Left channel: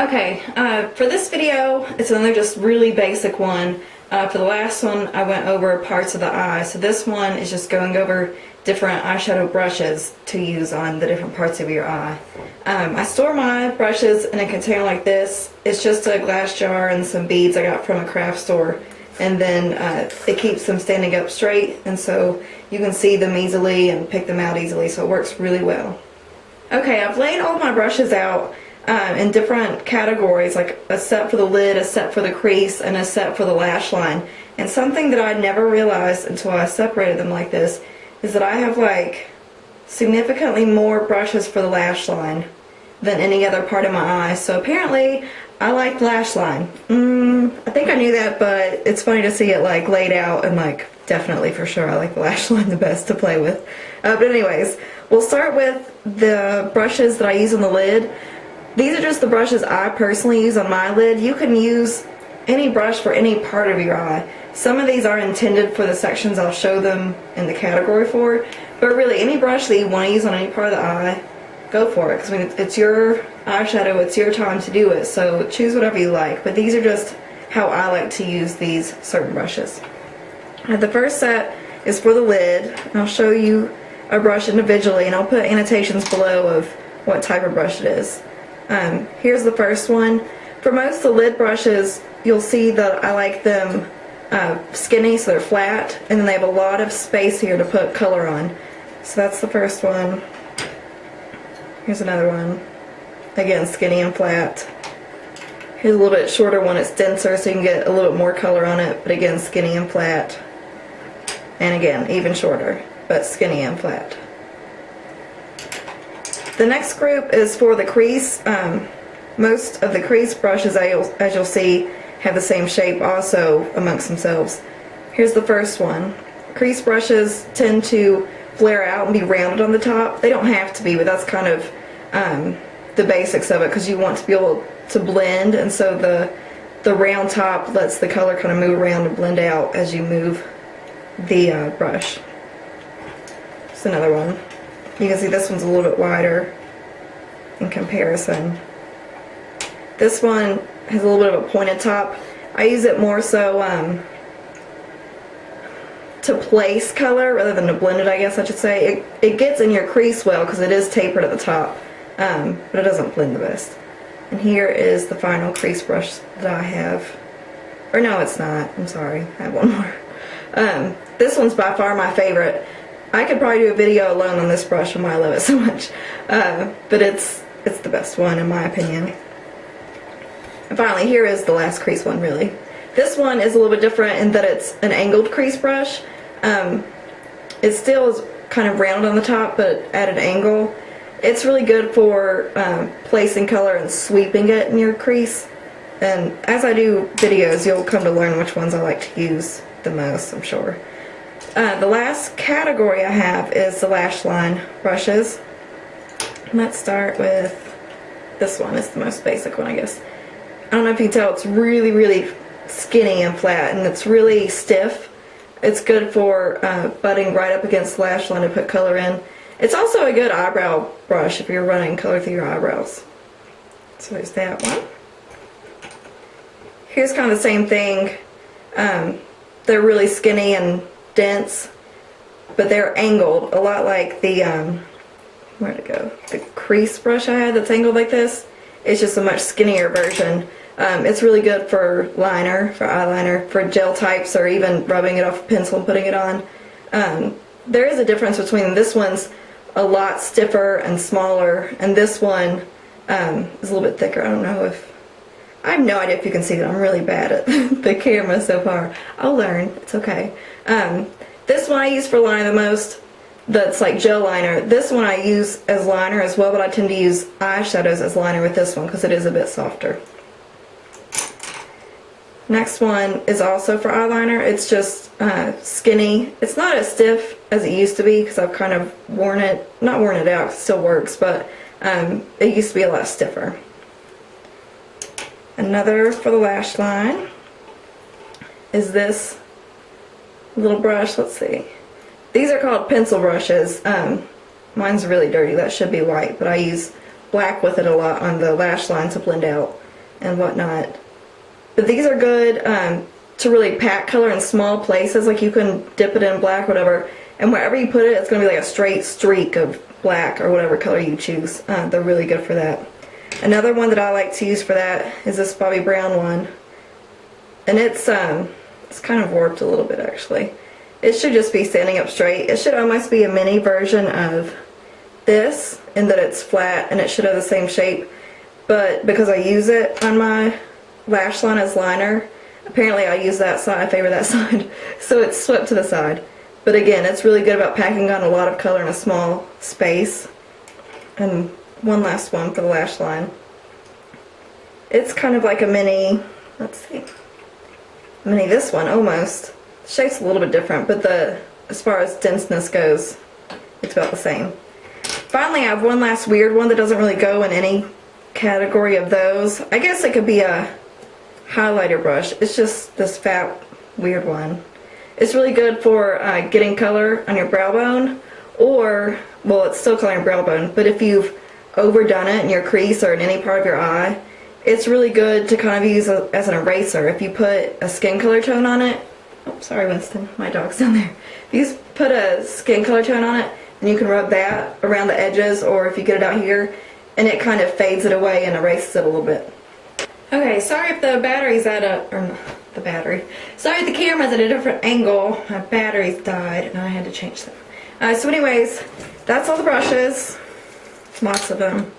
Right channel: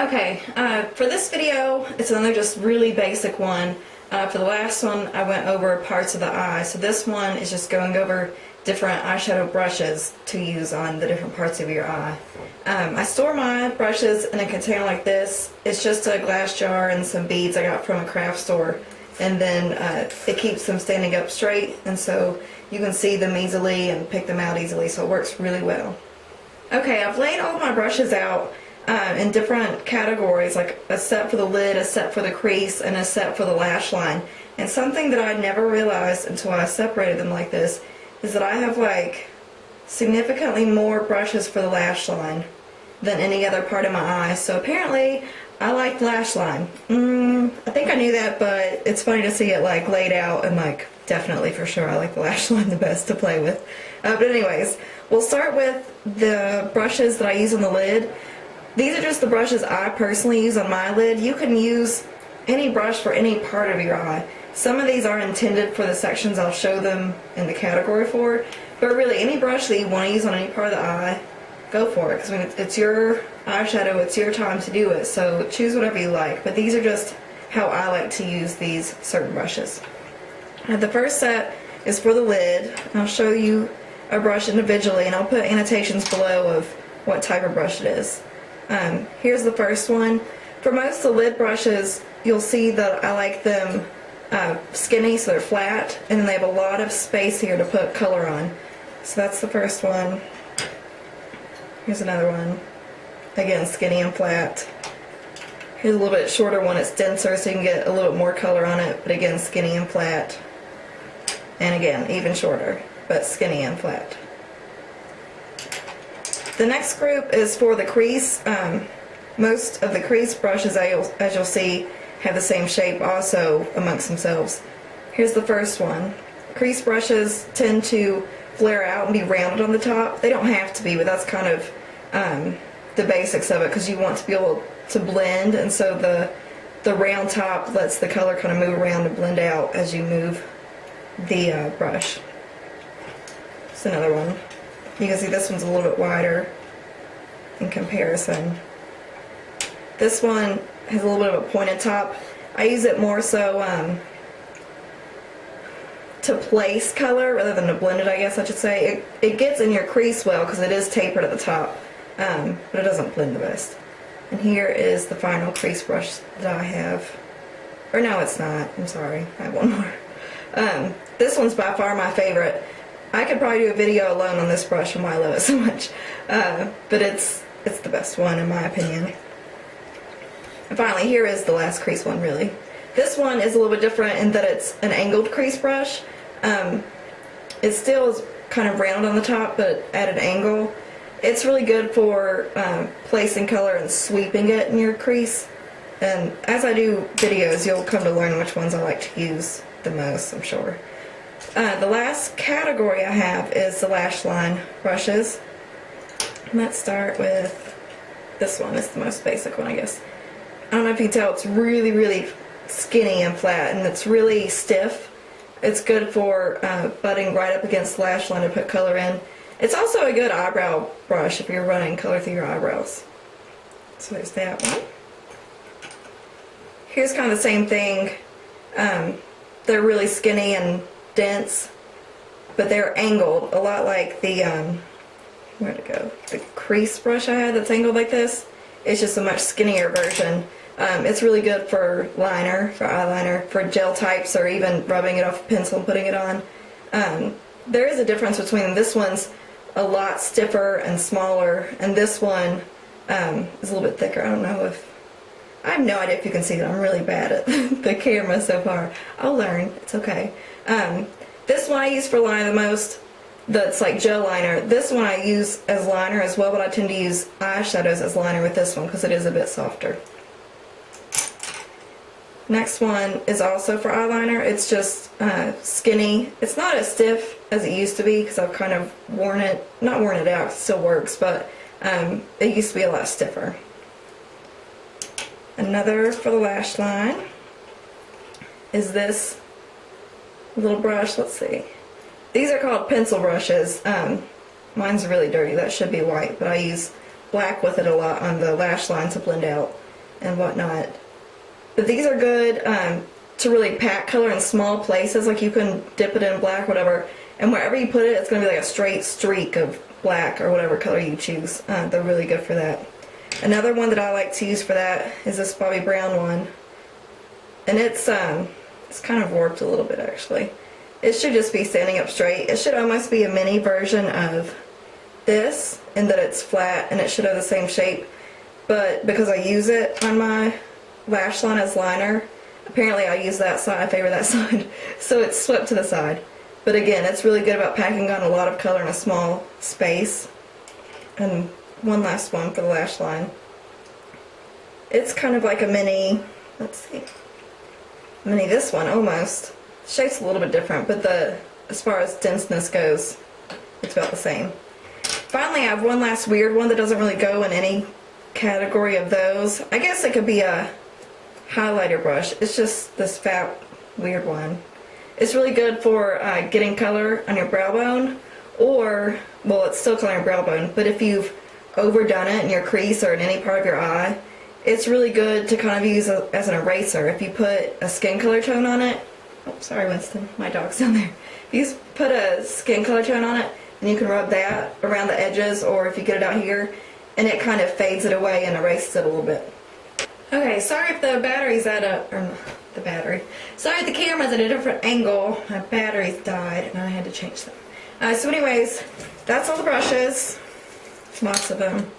Okay, for this video, it's another just really basic one. For the last one, I went over parts of the eye. So this one is just going over different eyeshadow brushes to use on the different parts of your eye. I store my brushes in a container like this. It's just a glass jar and some beads I got from a craft store. And then it keeps them standing up straight, and so you can see them easily and pick them out easily, so it works really well. Okay, I've laid all my brushes out in different categories, like a set for the lid, a set for the crease, and a set for the lash line. And something that I never realized until I separated them like this is that I have like significantly more brushes for the lash line than any other part of my eye. So apparently I like lash line. I think I knew that, but it's funny to see it like laid out and like definitely for sure I like the lash line the best to play with. But anyways, we'll start with the brushes that I use on the lid. These are just the brushes I personally use on my lid. You can use any brush for any part of your eye. Some of these are intended for the sections I'll show them in the category for, but really any brush that you want to use on any part of the eye, go for it, because I mean, it's your eyeshadow, it's your time to do it, so choose whatever you like. But these are just how I like to use these certain brushes. The first set is for the lid. I'll show you a brush individually, and I'll put annotations below of what type of brush it is. Here's the first one. For most of the lid brushes, you'll see that I like them skinny, so they're flat, and then they have a lot of space here to put color on. So that's the first one. Here's another one. Again, skinny and flat. Here's a little bit shorter one. It's denser, so you can get a little bit more color on it, but again, skinny and flat. And again, even shorter, but skinny and flat. The next group is for the crease. Most of the crease brushes, as you'll see, have the same shape also amongst themselves. Here's the first one. Crease brushes tend to flare out and be rounded on the top. They don't have to be, but that's kind of the basics of it, because you want to be able to blend, and so the round top lets the color kind of move around and blend out as you move the brush. Just another one. You can see this one's a little bit wider in comparison. This one has a little bit of a pointed top. I use it more so to place color rather than to blend it, I guess I should say. It gets in your crease well because it is tapered at the top, but it doesn't blend the best. And here is the final crease brush that I have. Or no, it's not. I'm sorry. I have one more. This one's by far my favorite. I could probably do a video alone on this brush and why I love it so much. But it's the best one in my opinion. And finally, here is the last crease one, really. This one is a little bit different in that it's an angled crease brush. It still is kind of round on the top, but at an angle. It's really good for placing color and sweeping it in your crease. And as I do videos, you'll come to learn which ones I like to use the most, I'm sure. The last category I have is the lash line brushes. Let's start with this one. It's the most basic one, I guess. I don't know if you can tell, it's really, really skinny and flat, and it's really stiff. It's good for butting right up against the lash line to put color in. It's also a good eyebrow brush if you're running color through your eyebrows. So there's that one. Here's kind of the same thing. They're really skinny and dense, but they're angled, a lot like the, where'd it go? The crease brush I had that's angled like this. It's just a much skinnier version. It's really good for liner, for eyeliner, for gel types, or even rubbing it off a pencil and putting it on. There is a difference between this one's a lot stiffer and smaller, and this one is a little bit thicker. I don't know if, I have no idea if you can see that. I'm really bad at the camera so far. I'll learn, it's okay. This one I use for liner the most. That's like gel liner. This one I use as liner as well, but I tend to use eyeshadows as liner with this one because it is a bit softer. Next one is also for eyeliner. It's just skinny. It's not as stiff as it used to be because I've kind of worn it, not worn it out, it still works, but it used to be a lot stiffer. Another for the lash line is this little brush. Let's see. These are called pencil brushes. Mine's really dirty. That should be white, but I use black with it a lot on the lash line to blend out. and whatnot. But these are good to really pack color in small places. Like you can dip it in black, whatever, and wherever you put it, it's going to be like a straight streak of black or whatever color you choose. They're really good for that. Another one that I like to use for that is this Bobbi Brown one. And it's kind of warped a little bit actually. It should just be standing up straight. It should almost be a mini version of this in that it's flat and it should have the same shape. But because I use it on my lash line as liner, apparently I use that side, I favor that side, so it's swept to the side. But again, it's really good about packing on a lot of color in a small space. And one last one for the lash line. It's kind of like a mini, let's see, a mini this one almost. The shape's a little bit different, but as far as denseness goes, it's about the same. Finally, I have one last weird one that doesn't really go in any category of those. I guess it could be a highlighter brush. It's just this fat, weird one. It's really good for getting color on your brow bone, or, well, it's still color on your brow bone, but if you've overdone it in your crease or in any part of your eye, it's really good to kind of use as an eraser. If you put a skin color tone on it, oh, sorry Winston, my dog's down there. If you put a skin color tone on it, then you can rub that around the edges, or if you get it out here, and it kind of fades it away and erases it a little bit. Okay, sorry if the battery's at sorry if the camera's at a different angle. My batteries died and I had to change them. So anyways, that's all the brushes. Lots of them.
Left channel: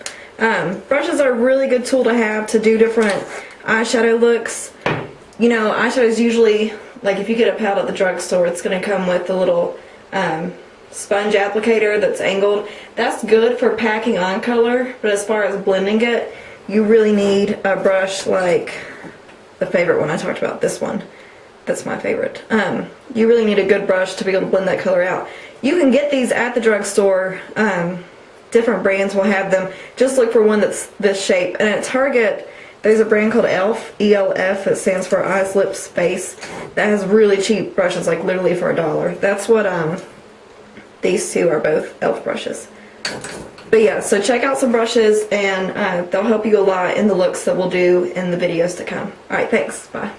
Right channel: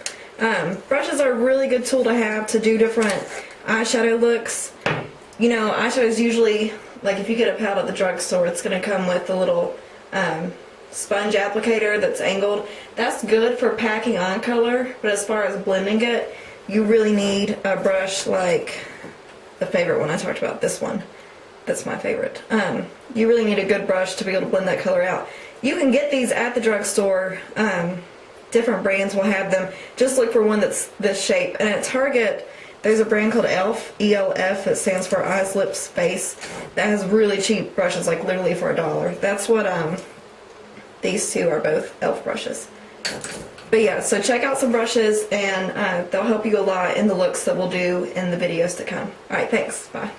Brushes are a really good tool to have to do different eyeshadow looks. You know, eyeshadows usually, like if you get a palette at the drugstore, it's going to come with a little sponge applicator that's angled. That's good for packing on color, but as far as blending it, you really need a brush like the favorite one I talked about, this one. That's my favorite. You really need a good brush to be able to blend that color out. You can get these at the drugstore. Different brands will have them. Just look for one that's this shape. And at Target, there's a brand called ELF, E-L-F, that stands for Eyes, Lips, Face, that has really cheap brushes, like literally for $1. That's what these two are, both ELF brushes. But yeah, so check out some brushes, and they'll help you a lot in the looks that we'll do in the videos to come. Alright, thanks. Bye.